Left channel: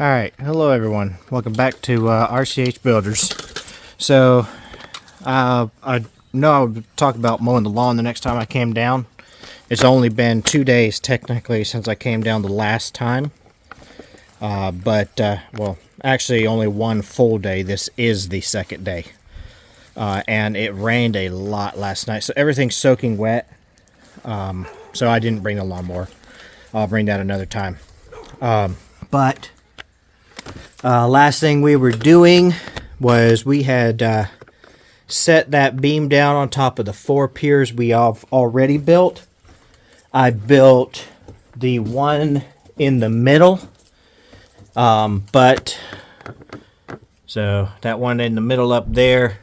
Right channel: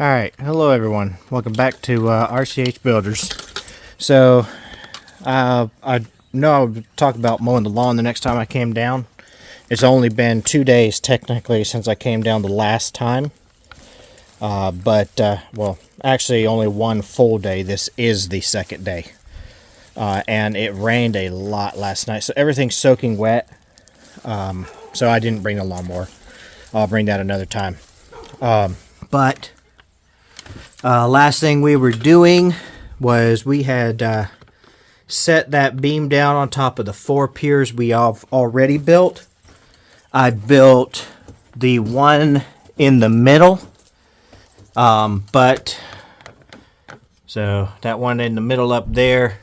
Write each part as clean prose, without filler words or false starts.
Alright, hello everyone. Welcome back to RCH Builders. So, I know I would talk about mowing the lawn the next time I came down. It's only been 2 days technically since I came down the last time. Well, actually only one full day. This is the second day. And it rained a lot last night, so everything's soaking wet. So I didn't bring the lawnmower. I'll bring that another time. Last thing we were doing was we had set that beam down on top of the 4 piers we have already built. I built the one in the middle, so that one in the middle up there,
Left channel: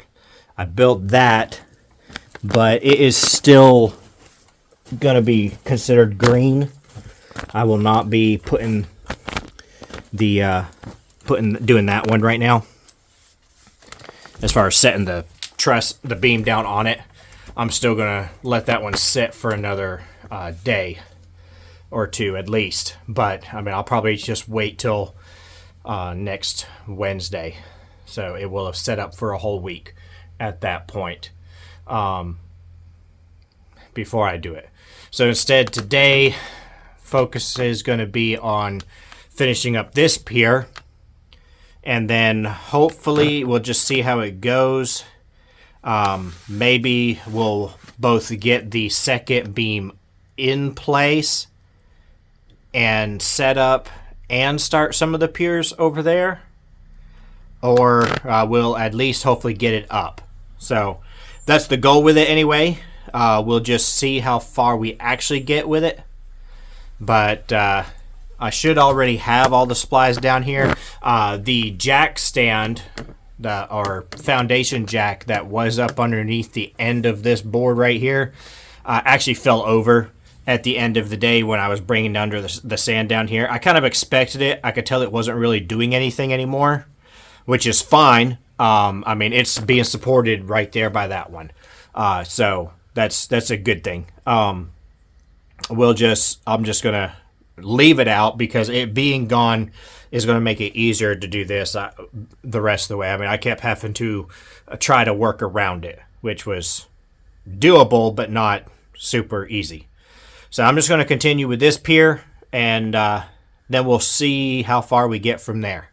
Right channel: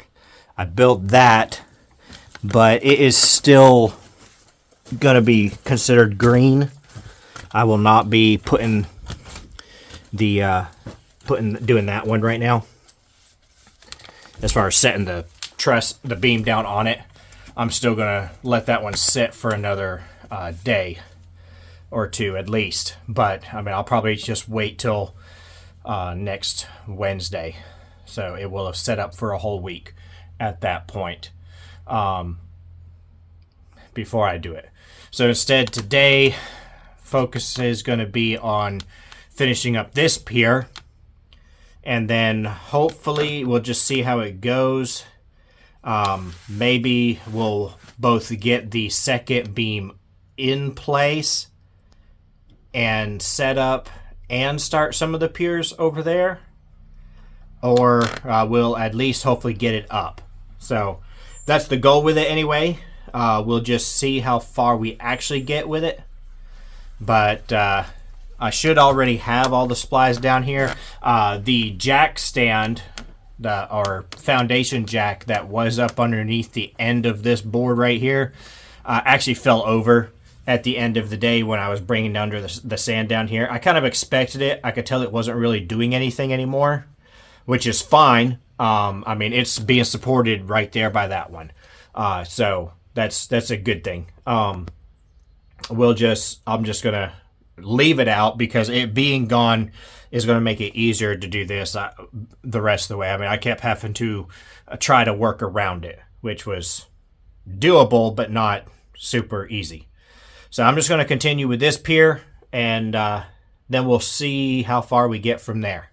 I built that, but it is still gonna be considered green. I will not be putting doing that one right now. As far as setting the beam down on it, I'm still gonna let that one sit for another day or two at least. But I mean, I'll probably just wait till next Wednesday, so it will have set up for a whole week at that point before I do it. So instead, today focus is going to be on finishing up this pier, and then hopefully we'll just see how it goes. Maybe we'll both get the second beam in place and set up and start some of the piers over there, or we'll at least hopefully get it up. So that's the goal with it anyway. We'll just see how far we actually get with it. But I should already have all the supplies down here. The jack stand, or foundation jack that was up underneath the end of this board right here, actually fell over at the end of the day when I was bringing under the sand down here. I kind of expected it. I could tell it wasn't really doing anything anymore, which is fine. I mean, it's being supported right there by that one. So that's a good thing. I'm just gonna leave it out because it being gone is going to make it easier to do this the rest of the way. I mean, I kept having to try to work around it, which was doable but not super easy. So I'm just going to continue with this pier, and then we'll see how far we get from there.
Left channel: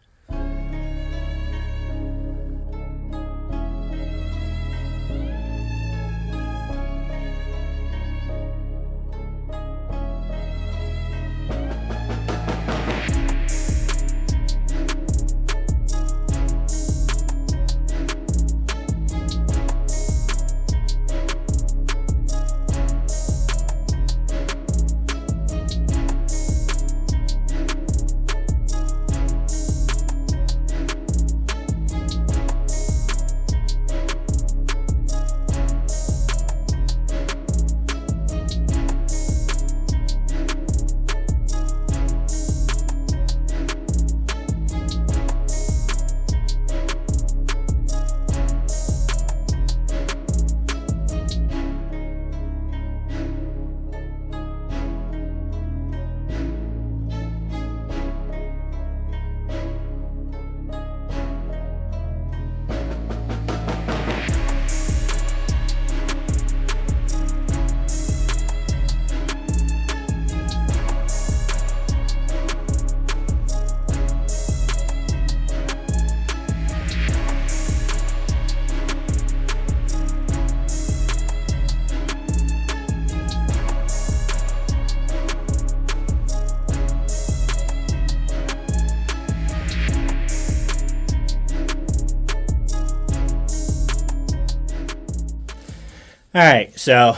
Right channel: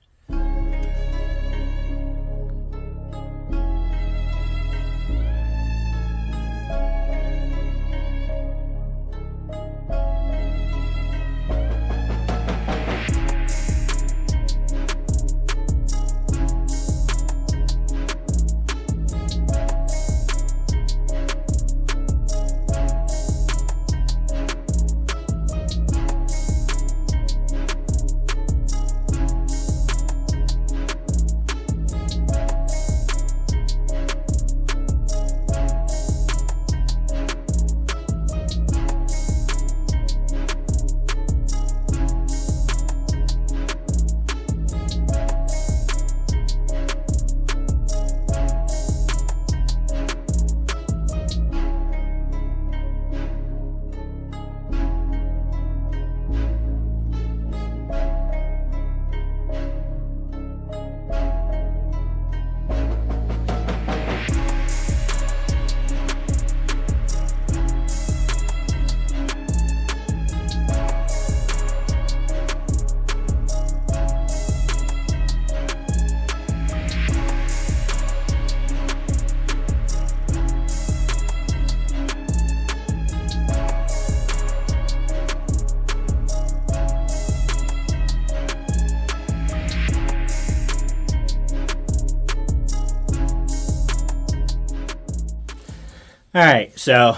Alright, so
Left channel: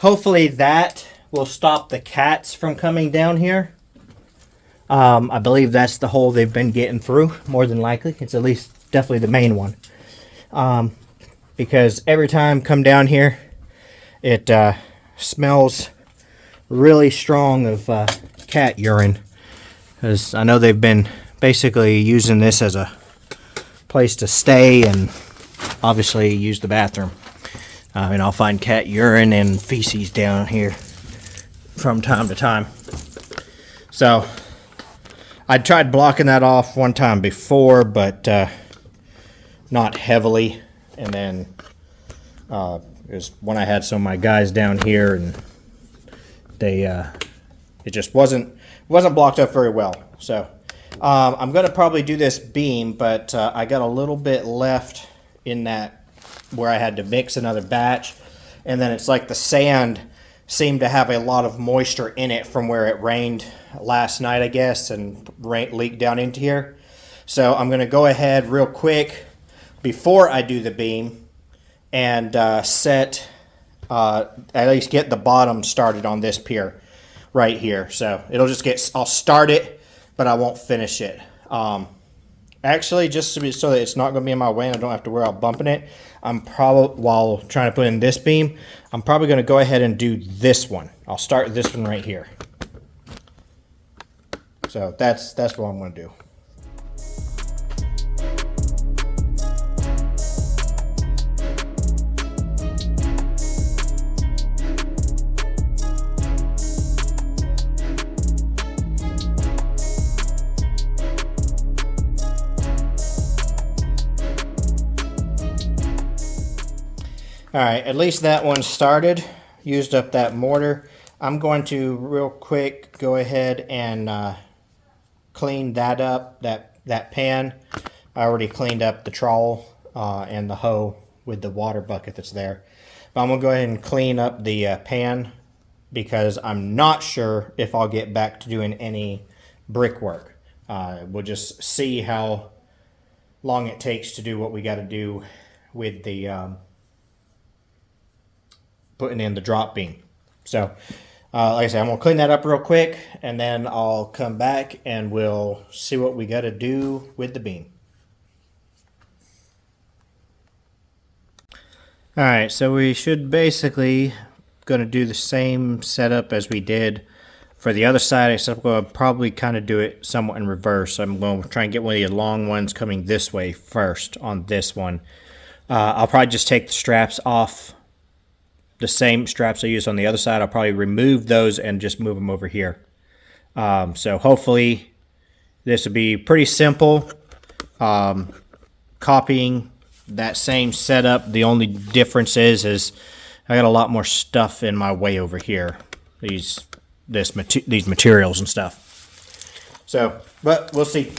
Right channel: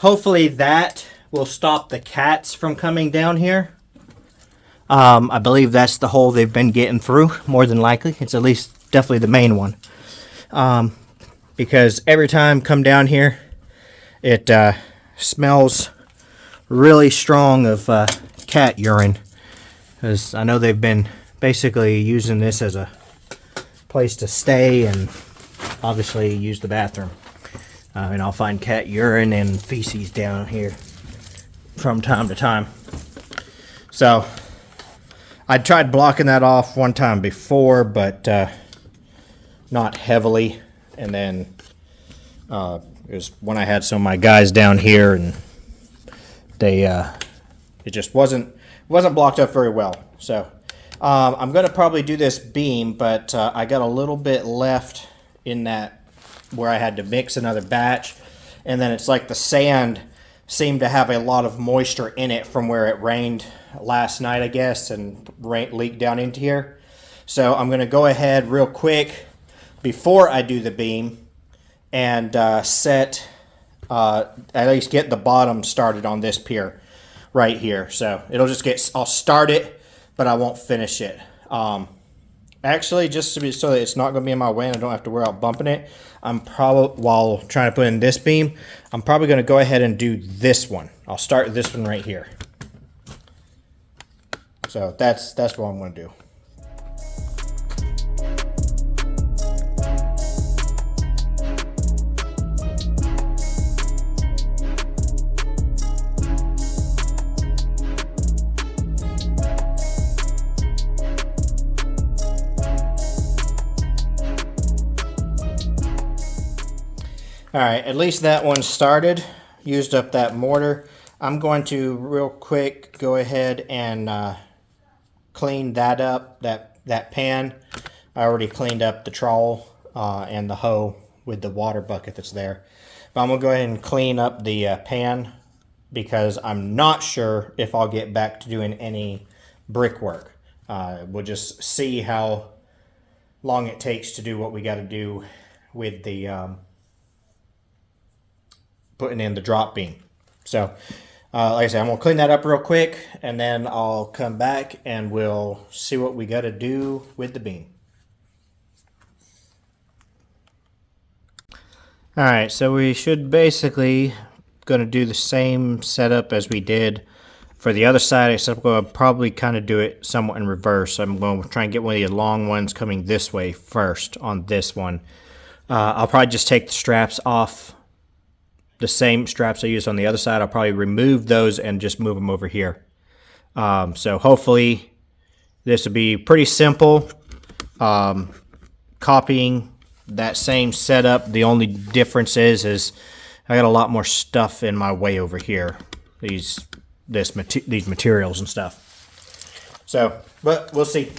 hopefully that will stop the cats from coming down here. I believe that's the hole they've been getting through, more than likely. It's at least definitely the main one. Because every time I come down here, it smells really strong of cat urine. Because I know they've been basically using this as a place to stay and obviously use the bathroom. And I'll find cat urine and feces down here from time to time. So I tried blocking that off one time before, but not heavily. And then it was when I had some of my guys down here, and they it just wasn't blocked up very well. So I'm going to probably do this beam, but I got a little bit left in that where I had to mix another batch, and then it's like the sand seemed to have a lot of moisture in it from where it rained last night, I guess, and leaked down into here. So I'm going to go ahead real quick before I do the beam and set, at least get the bottom started on this pier right here. So it'll just get, I'll start it, but I won't finish it. Actually, just to be, so that it's not going to be in my way and I don't have to worry about bumping it, I'm probably, while trying to put in this beam, I'm probably going to go ahead and do this one. I'll start this one right here. So that's what I'm going to do. All right, at least that one started, used up that mortar. I'm going to real quick go ahead and clean that up, that pan. I already cleaned up the trowel and the hoe with the water bucket that's there. But I'm going to go ahead and clean up the pan because I'm not sure if I'll get back to doing any brickwork. We'll just see how long it takes to do what we got to do with the putting in the drop beam. So like I said, I'm gonna clean that up real quick and then I'll come back and we'll see what we got to do with the beam. All right, so we should basically gonna do the same setup as we did for the other side, except I'm gonna probably kind of do it somewhat in reverse. I'm going to try and get one of the long ones coming this way first on this one. I'll probably just take the straps off, the same straps I used on the other side. I'll probably remove those and just move them over here. So hopefully this will be pretty simple. Copying that same setup. The only difference is I got a lot more stuff in my way over here. These materials and stuff. So, but we'll see.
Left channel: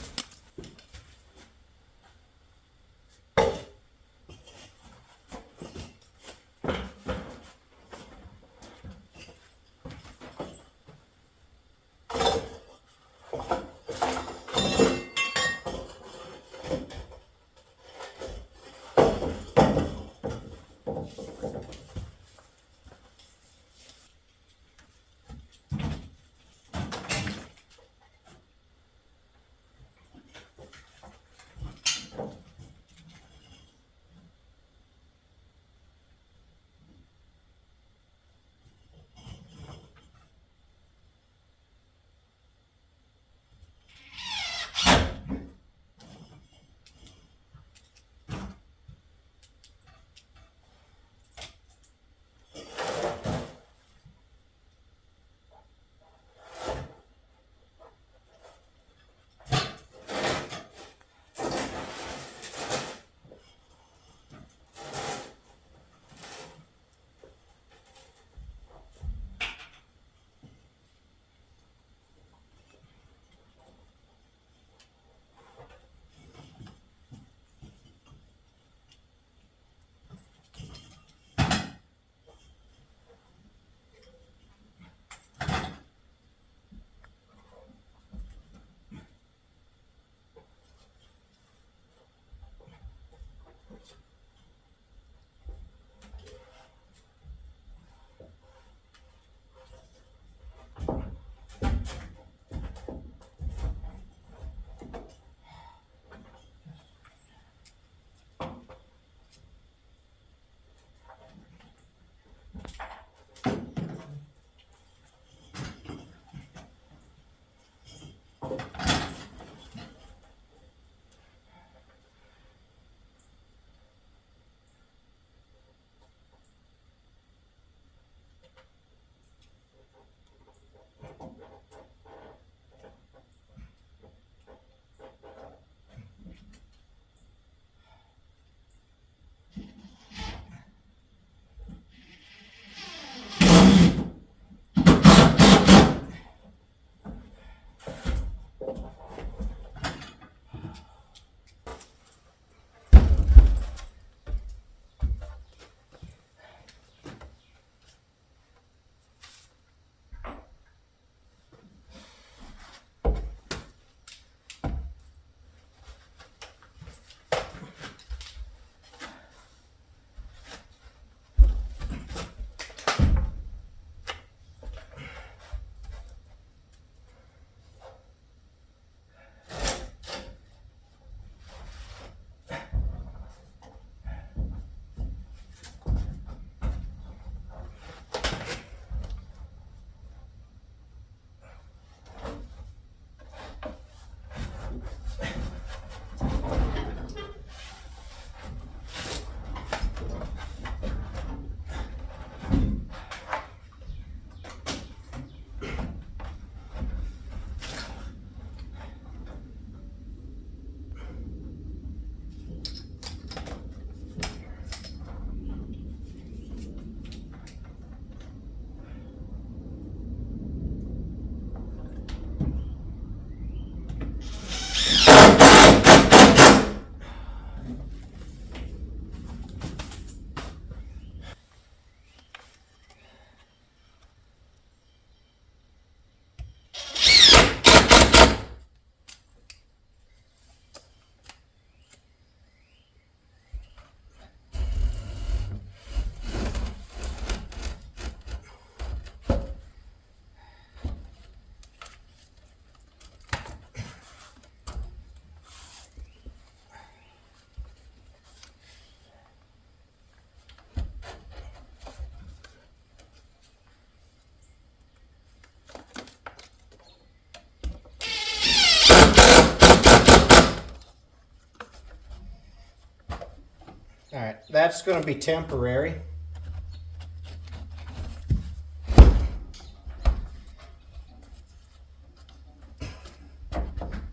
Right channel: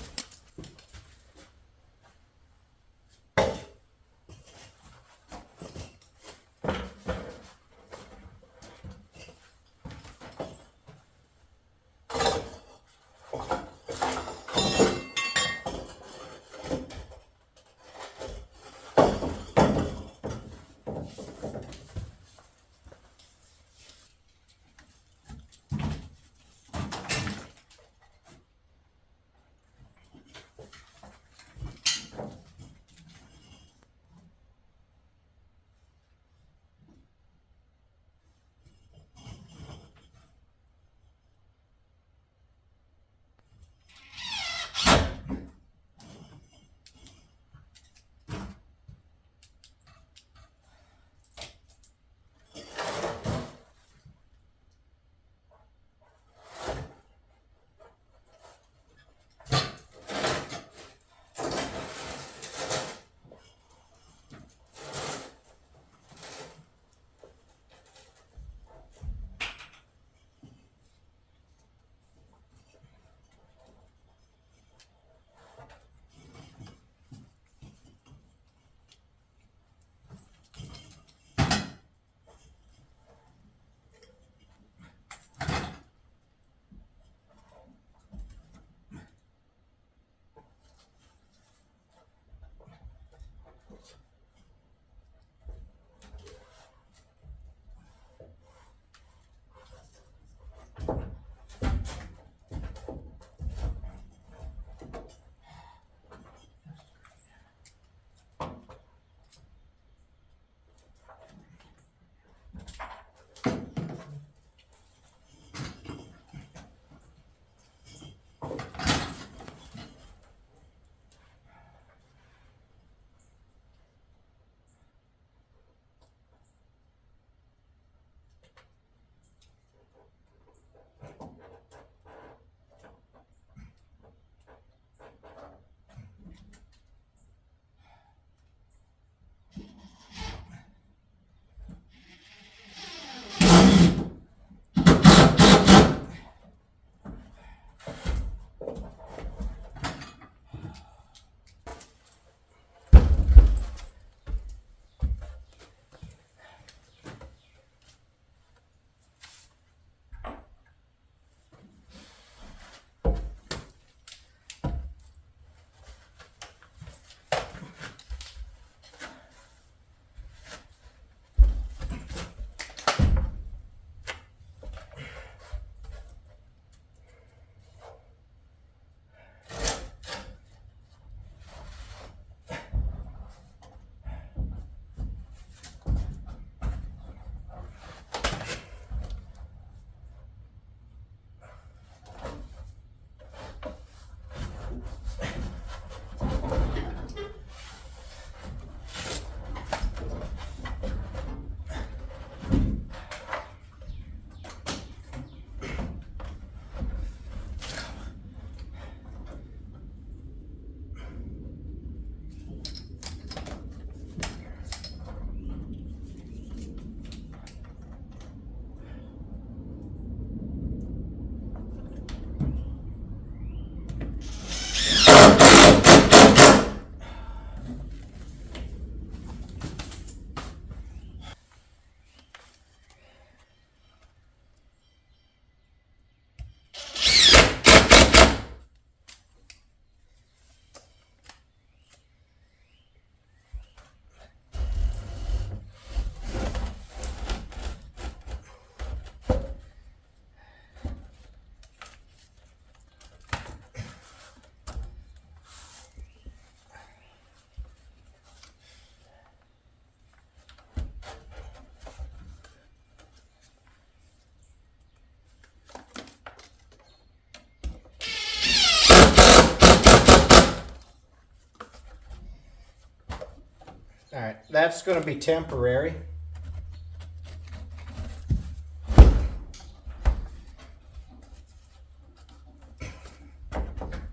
that's going to be temporary.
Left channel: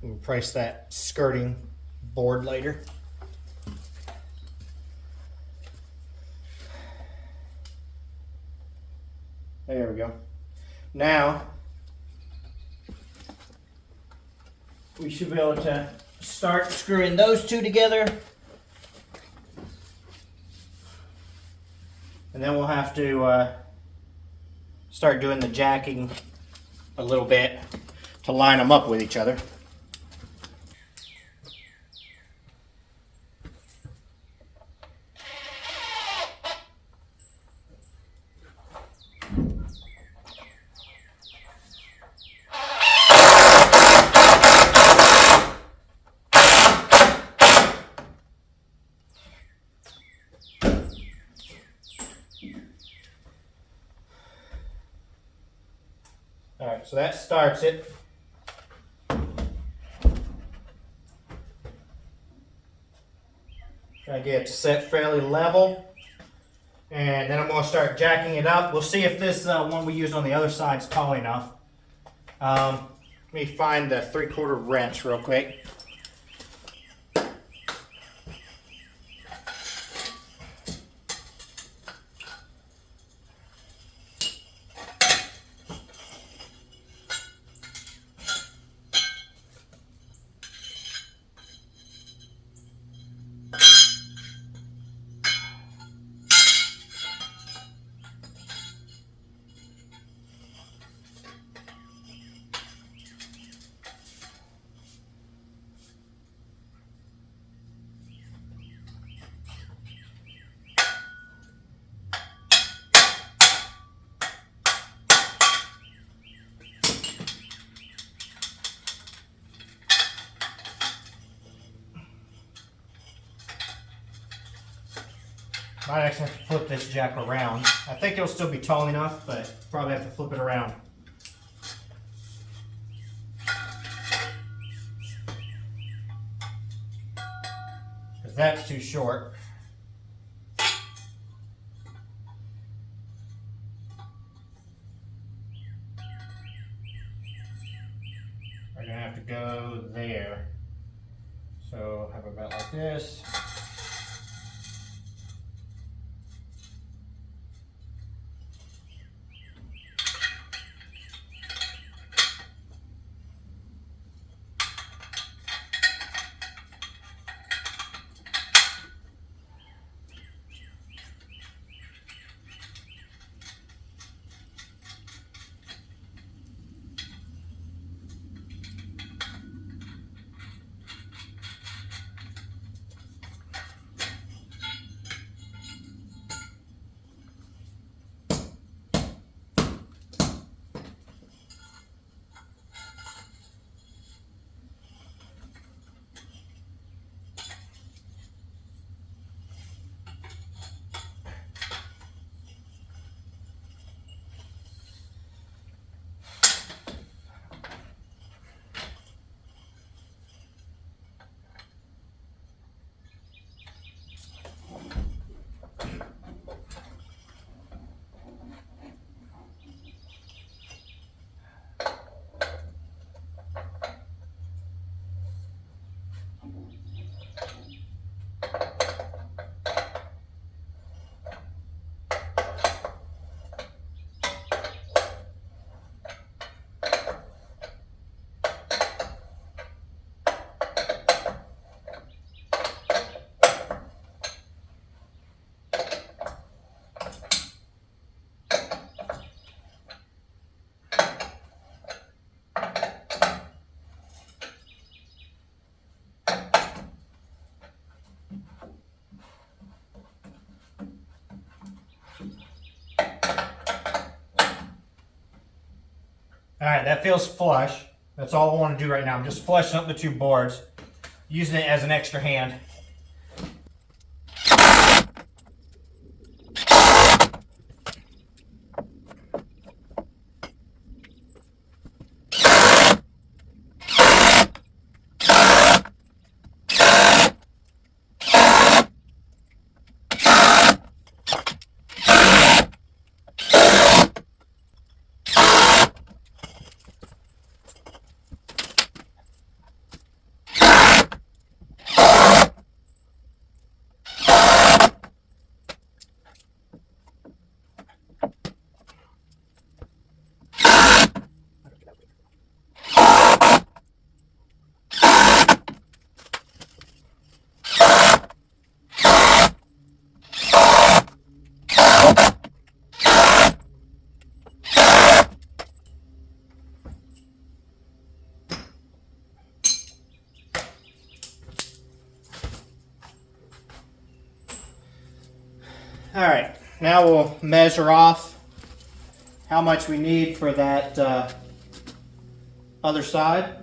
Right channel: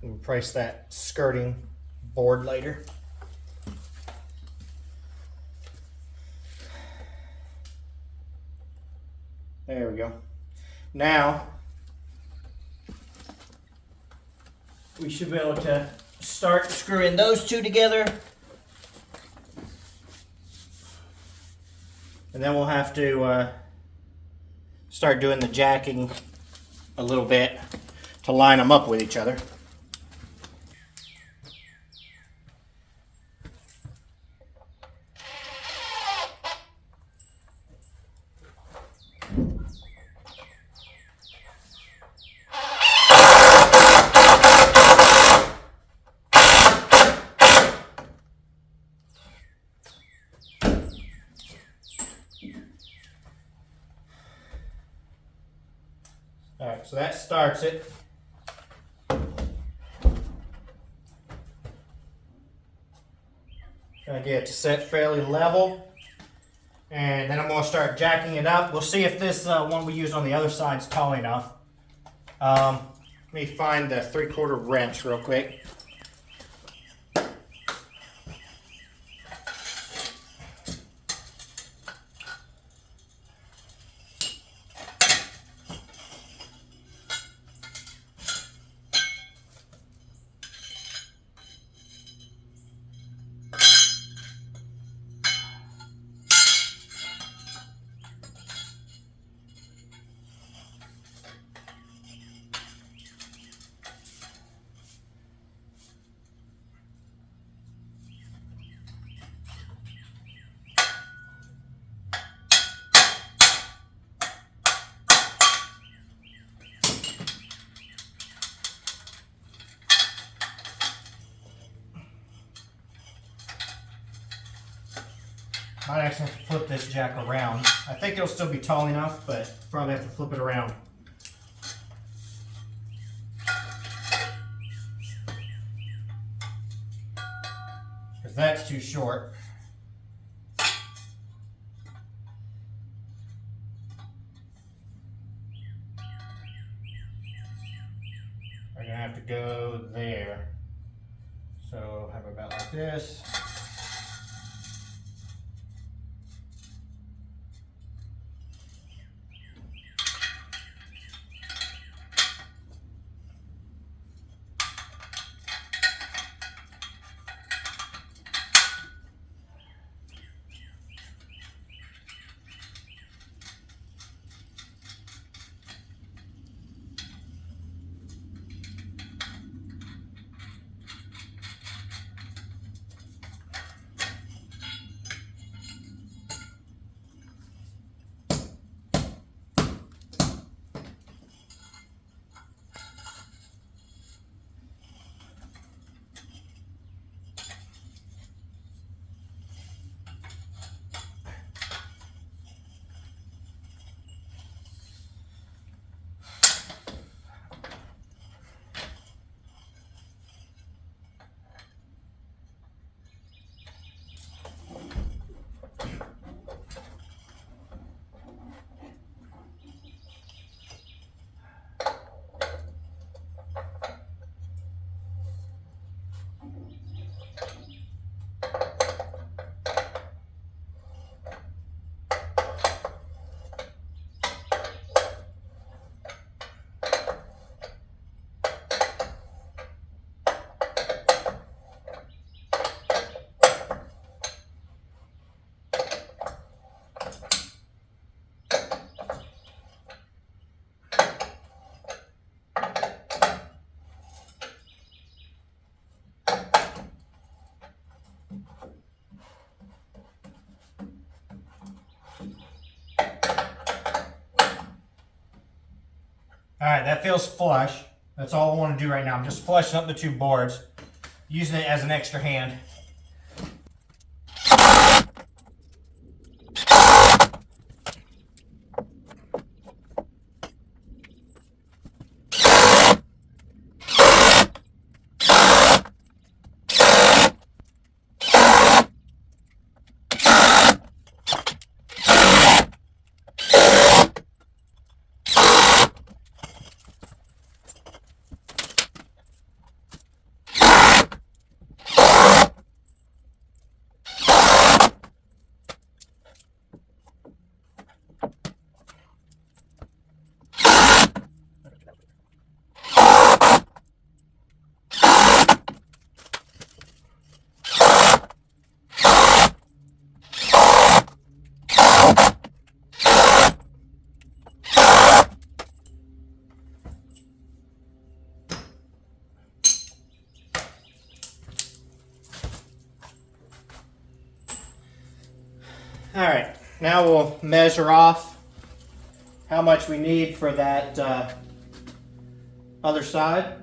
We'll replace that skirting board later. There we go. Now, we should be able to start screwing those two together. And then we'll have to start doing the jacking a little bit to line them up with each other. Alright, so that starts it. Try to get it to set fairly level. And then I'm going to start jacking it up. We'll see if this one we used on the other side is tall enough. Let me find the 3/4 wrench real quick. Might actually have to flip this jack around. I think it'll still be tall enough, but probably have to flip it around. Because that's too short. We're going to have to go there. So have about like this. Alright, that feels flush. That's all I want to do right now. I'm just flushing up the two boards, using it as an extra hand. All right, now we'll measure off how much we need for that other side.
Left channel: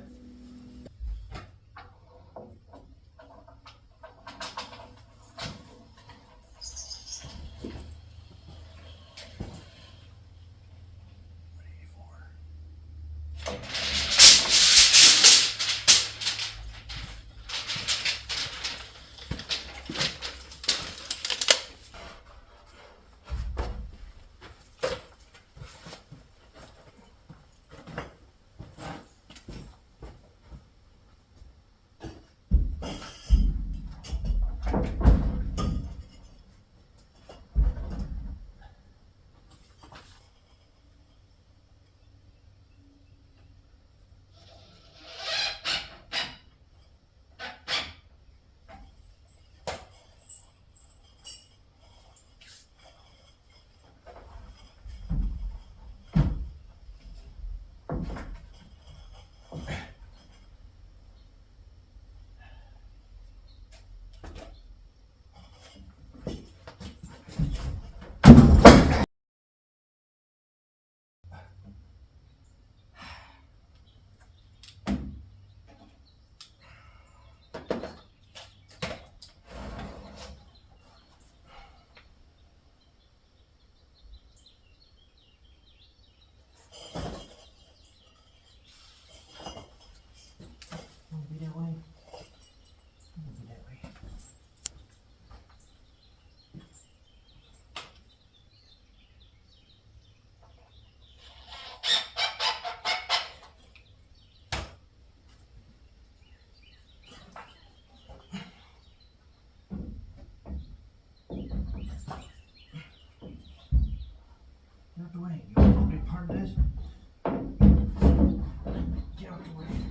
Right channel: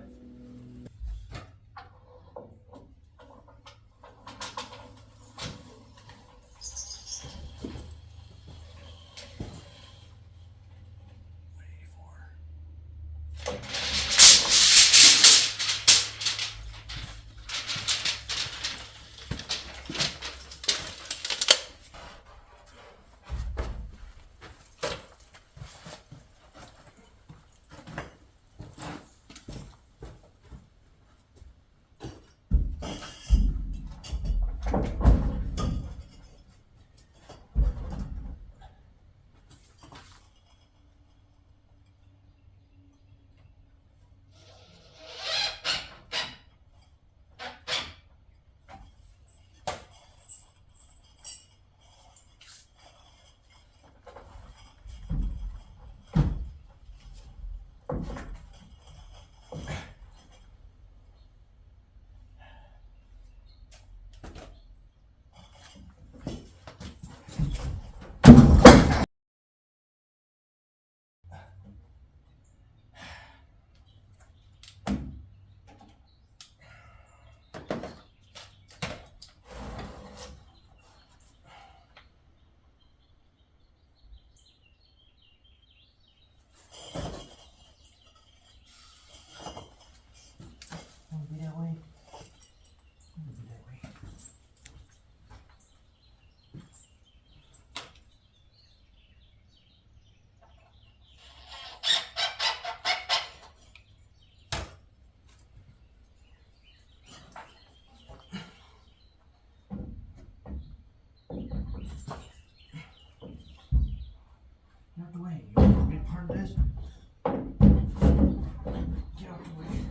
Get out the way. You want to be part of this? Get out the way.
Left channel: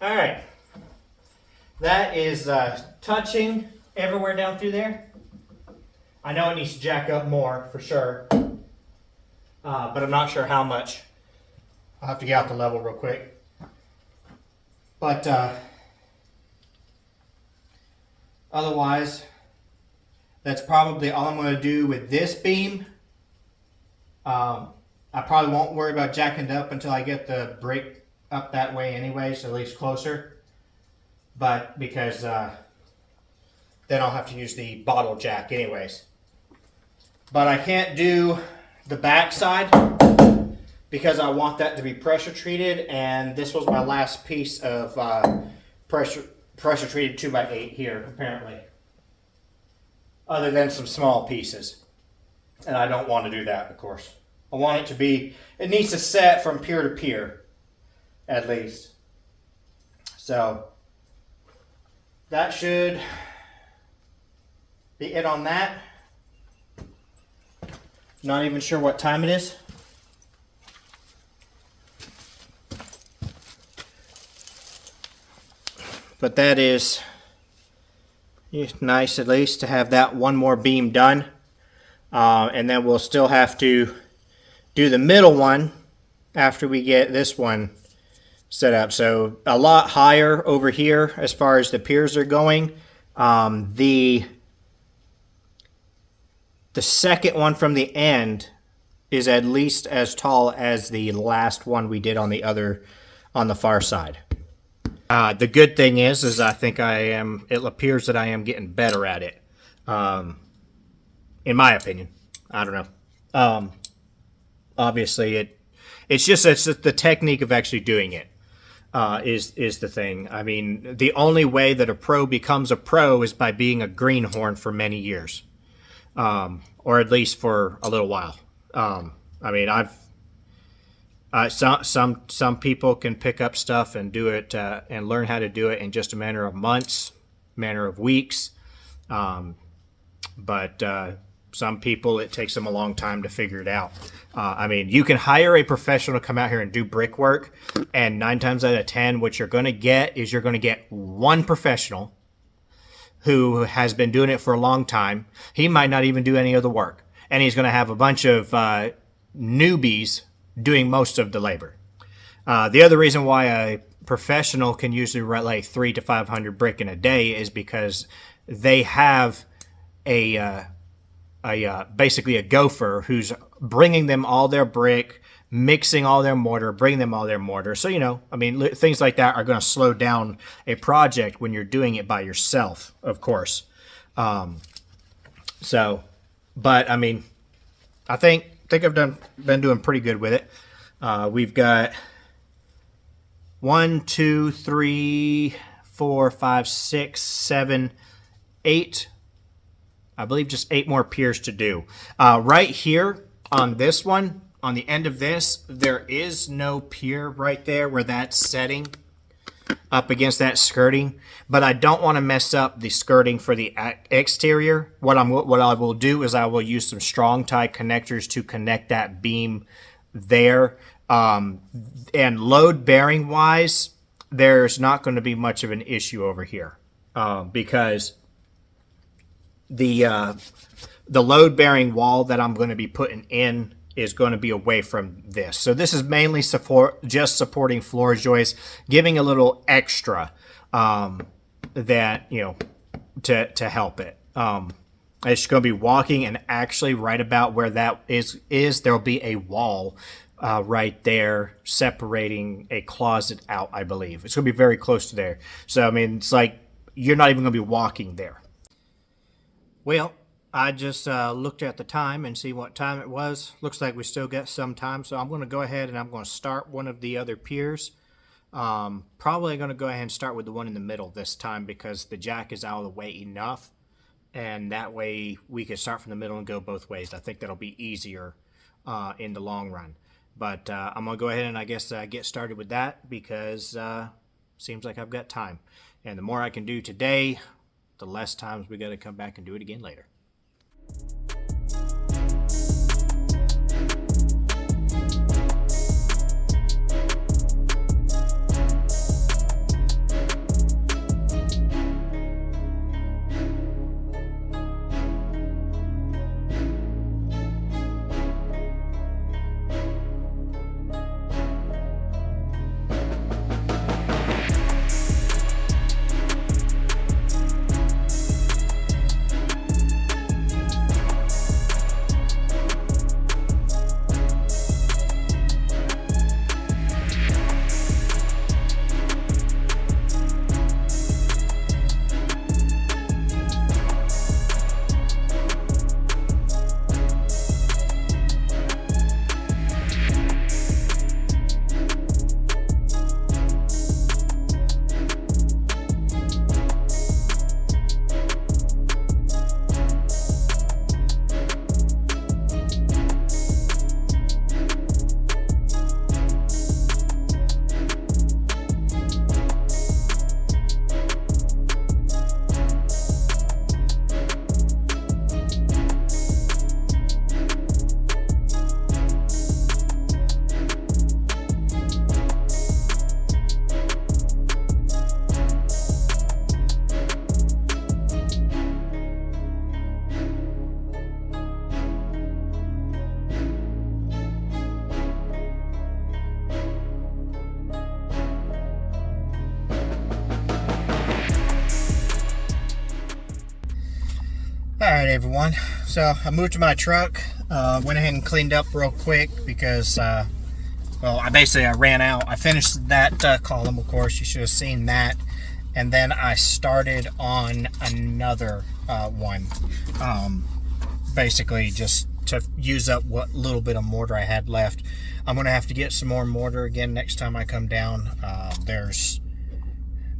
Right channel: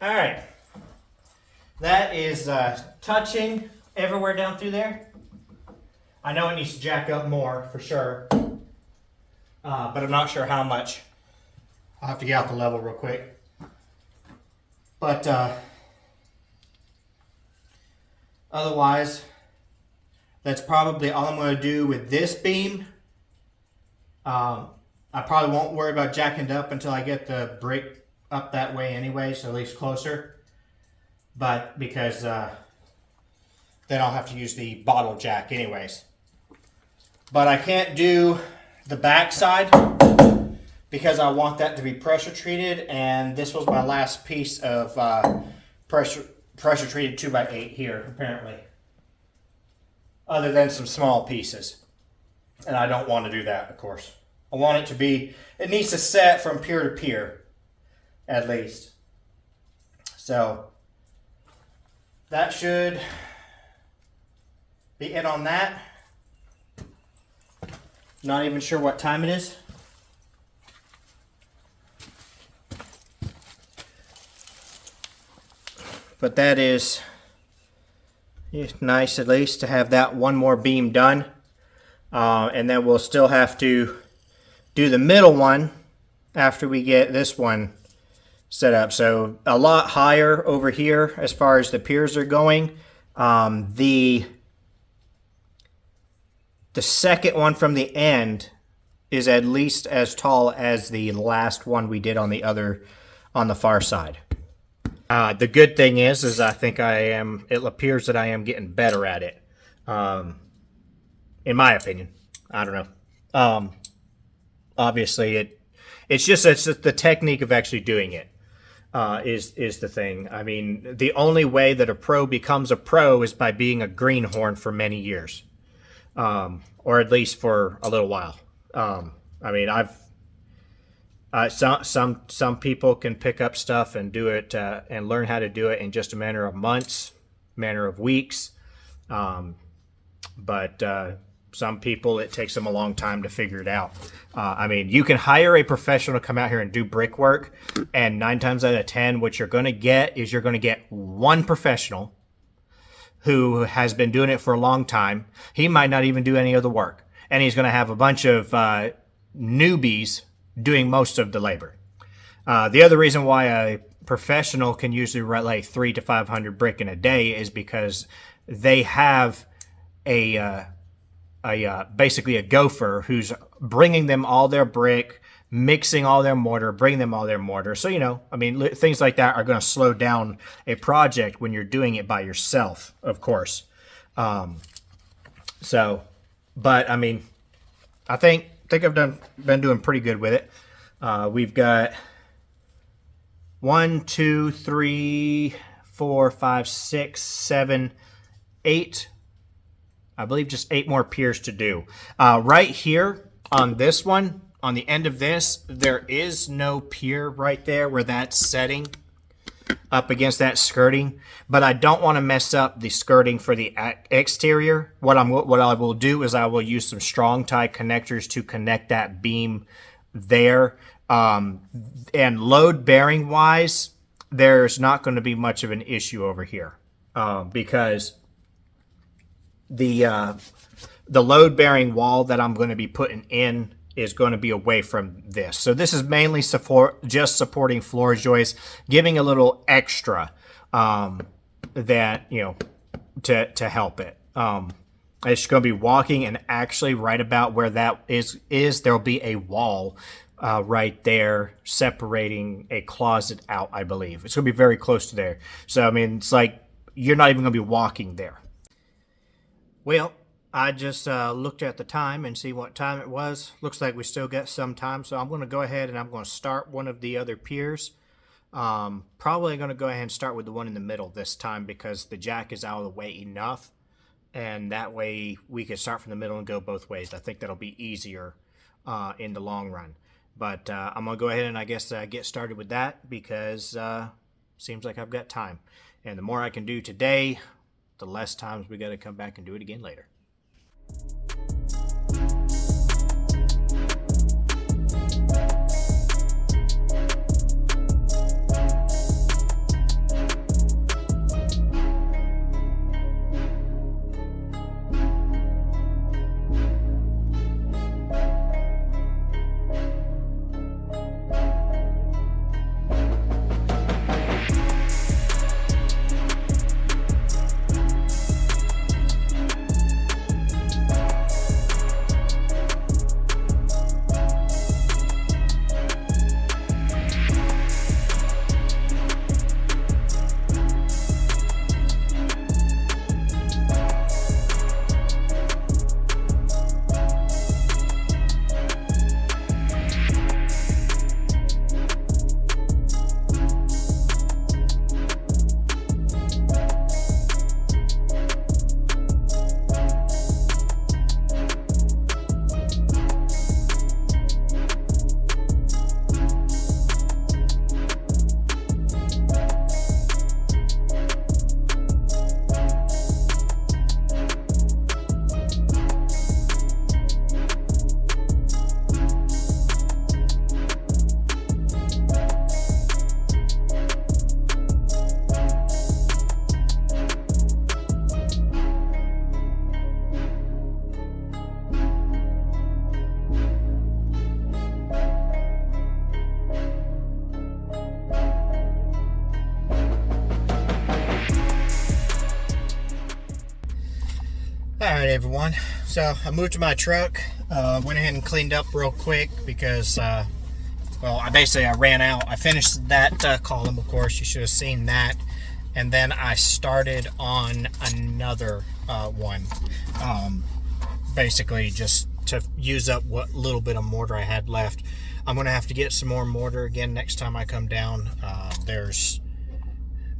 All right. That is touching everywhere down through there. I know it needs to jack up more for sure, but I'm not sure how much. I'll have to get out the level real quick. But otherwise, that's probably all I'm going to do with this beam. I probably won't worry about jacking it up until I get the brick up that way anyway, so at least closer. But because then I'll have to use the bottle jack anyways. But I can't do the back side because I want that to be pressure treated, and this was my last piece of pressure treated 2x8 here apparently. Other than some small pieces. And I don't want to do that, of course. I want it to be, it needs to set from pier to pier, at least. So, that should be it on that. Not even sure what time it is. But that is nice at least to have that one more beam done. And then we'll still have to do the middle one after we get this one set up. So a lot higher over here as far as the piers are going. The second one from the end is at least as tall as the last one we did on the far side. The good thing is I think it appears that I am getting better at it. In my opinion. I don't know. Obviously it's just the technique of actually doing it is the thing. I mean, the only way that a pro becomes a pro is by being a greenhorn for many years. Or at least for a little while. I mean, some people can pick up stuff and do it and learn how to do it in just a matter of months, matter of weeks. But some people, it takes them a long time to figure it out. I mean, you can hire a professional to come out here and do brickwork, and 9 times out of 10, what you're going to get is you're going to get one professional who has been doing it for a long time. He might not even do any of the work, and he's going to have a bunch of newbies doing most of the labor. The other reason why a professional can usually write like 300 to 500 brick in a day is because they have basically a gopher who's bringing them all their brick, mixing all their mortar, bringing them all their mortar. So, you know, I mean, things like that are going to slow down a project when you're doing it by yourself, of course. But I mean, I think I've been doing pretty good with it. We've got 1, 2, 3, 4, 5, 6, 7, 8. I believe just 8 more piers to do. Right here on this one, on the end of this, there is no pier right there where that's setting up against that skirting. But I don't want to mess up the skirting for the exterior. What I will do is I will use some strong tie connectors to connect that beam there. And load bearing wise, there's not going to be much of an issue over here because the load bearing wall that I'm going to be putting in is going to be away from this. So this is mainly just supporting floor joists, giving a little extra that, you know, to help it. It's going to be walking, and actually right about where that is there'll be a wall right there separating a closet out, I believe. It's going to be very close to there. So, I mean, it's like you're not even going to be walking there. Well, I just looked at the time and see what time it was. Looks like we still got some time, so I'm going to go ahead and I'm going to start one of the other piers. Probably going to go ahead and start with the one in the middle this time because the jack is out of the way enough, and that way we can start from the middle and go both ways. I think that'll be easier in the long run. But I'm going to go ahead and I guess get started with that because seems like I've got time. And the more I can do today, the less times we got to come back and do it again later. Alright everyone, so I moved to my truck, went ahead and cleaned up real quick because, well, I ran out. I finished that column, of course, you should have seen that, and then I started on another one, basically just to use up what little bit of mortar I had left. I'm going to have to get some more mortar again next time I come down. There's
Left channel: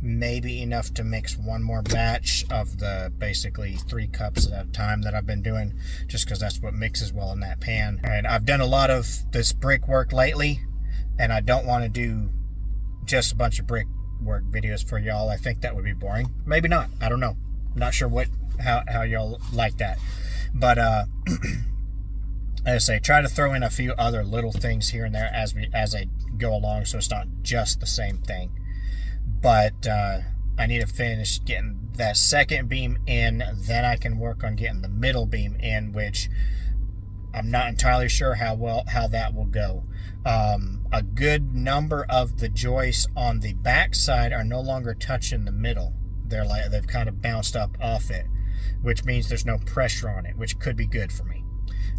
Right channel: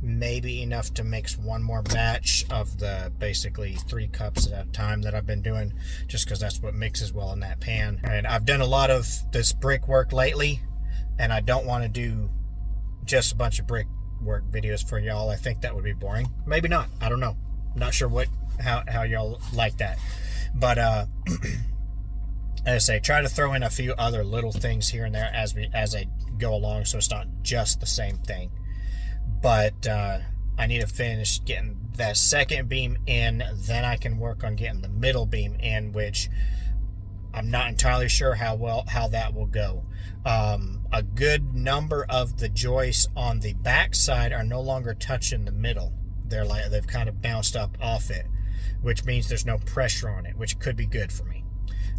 maybe enough to mix one more batch of the basically 3 cups at a time that I've been doing, just because that's what mixes well in that pan. And I've done a lot of this brick work lately, and I don't want to do just a bunch of brick work videos for y'all. I think that would be boring. Maybe not. I don't know. I'm not sure how y'all like that. But as I say, try to throw in a few other little things here and there as I go along, so it's not just the same thing. But I need to finish getting that second beam in, then I can work on getting the middle beam in, which I'm not entirely sure how that will go. A good number of the joists on the back side are no longer touching the middle. They've kind of bounced up off it, which means there's no pressure on it, which could be good for me.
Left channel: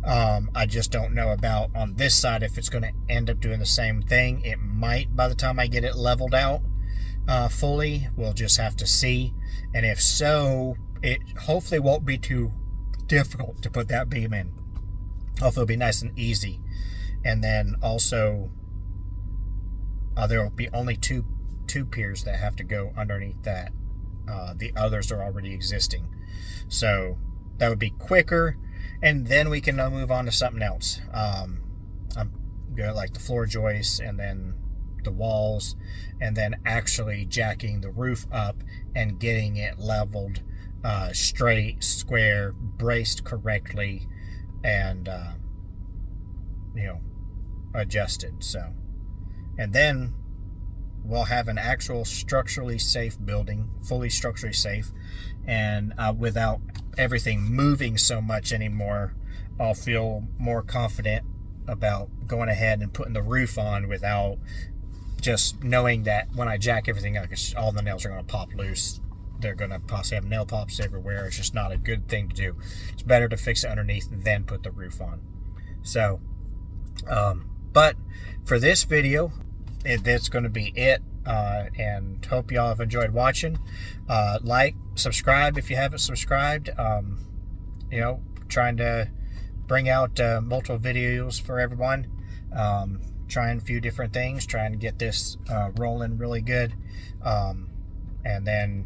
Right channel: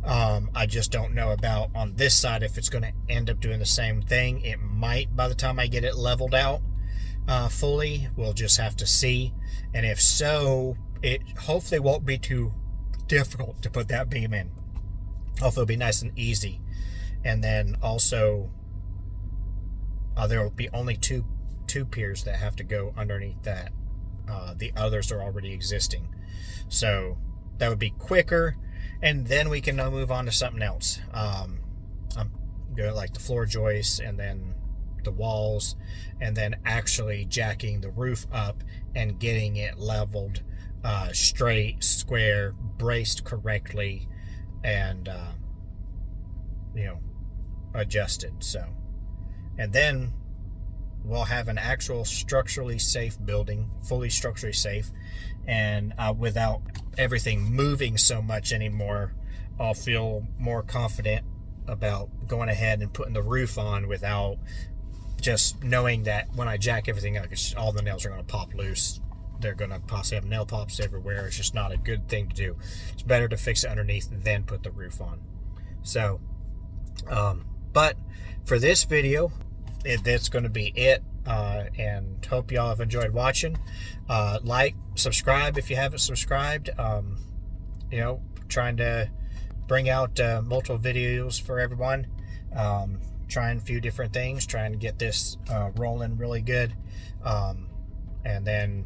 I just don't know about on this side if it's going to end up doing the same thing. It might by the time I get it leveled out fully. We'll just have to see. And if so, it hopefully won't be too difficult to put that beam in. Hopefully it'll be nice and easy. And then also there will be only two piers that have to go underneath that. The others are already existing, so that would be quicker, and then we can now move on to something else. I'm going like the floor joists, and then the walls, and then actually jacking the roof up and getting it leveled, straight, square, braced correctly, and adjusted. So, and then we'll have an actual structurally safe building, fully structurally safe, and without everything moving so much anymore, I'll feel more confident about going ahead and putting the roof on without just knowing that when I jack everything up, all the nails are going to pop loose. They're going to possibly have nail pops everywhere. It's just not a good thing to do. It's better to fix it underneath than put the roof on. So, but for this video, that's going to be it, and hope y'all have enjoyed watching. Like, subscribe if you haven't subscribed. Trying to bring out multiple videos for everyone, trying a few different things, trying to get this rolling really good, and then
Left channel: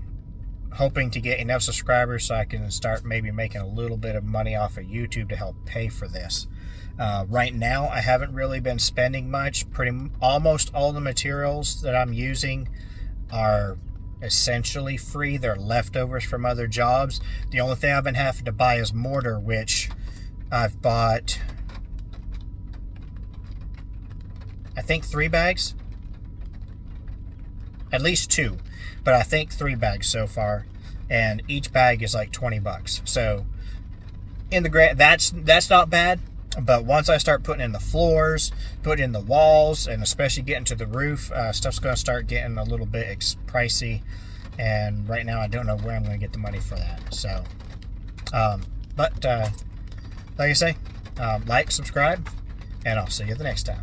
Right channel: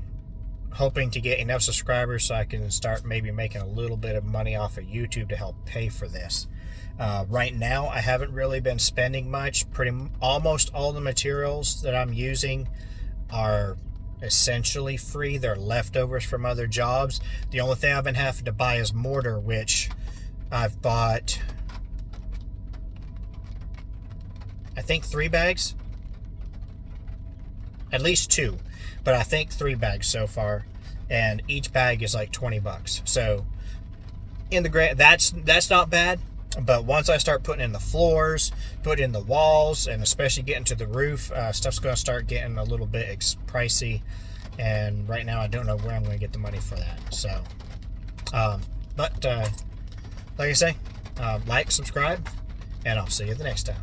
hoping to get enough subscribers so I can start maybe making a little bit of money off of YouTube to help pay for this. Right now, I haven't really been spending much. Almost all the materials that I'm using are essentially free. They're leftovers from other jobs. The only thing I've been having to buy is mortar, which I've bought, I think 3 bags. At least 2, but I think 3 bags so far, and each bag is like $20. So in the grand, that's not bad. But once I start putting in the floors, putting in the walls, and especially getting to the roof, stuff's going to start getting a little bit pricey. And right now I don't know where I'm going to get the money for that. So, like I say, like, subscribe, and I'll see you the next time.